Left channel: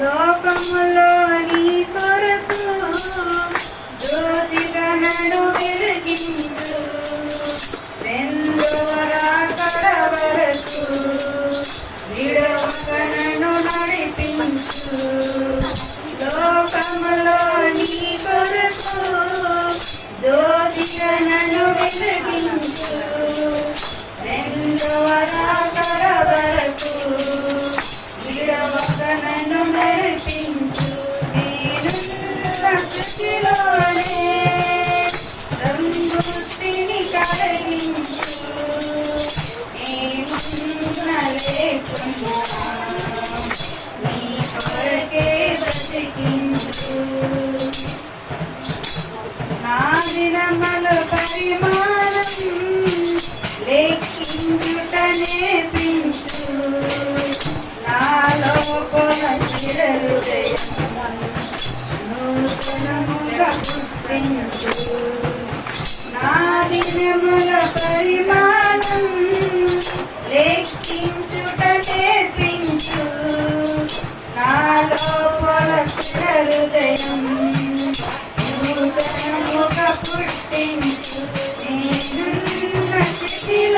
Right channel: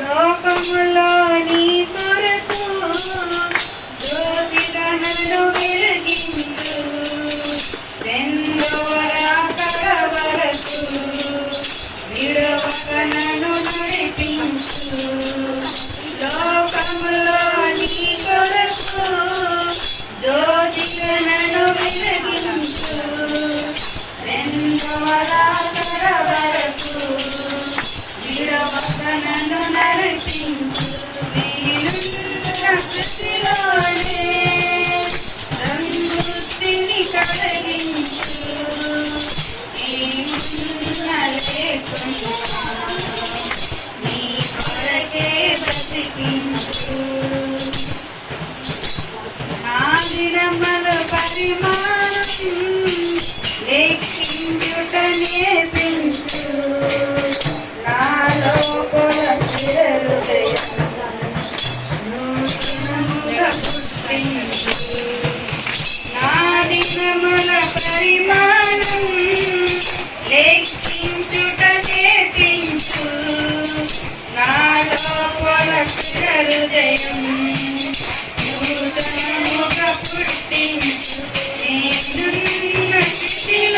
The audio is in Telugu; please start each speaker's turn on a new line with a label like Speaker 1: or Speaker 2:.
Speaker 1: లోకములోని నాగిరమ్మల పరిమాణం లెక్కించుట నేర్పించు నాదినముల పరిమాణం లెక్కించుట నేర్పించు. నా లోపల హృదయం నూతనముగా పుట్టించు. నేనున్న స్థితిలో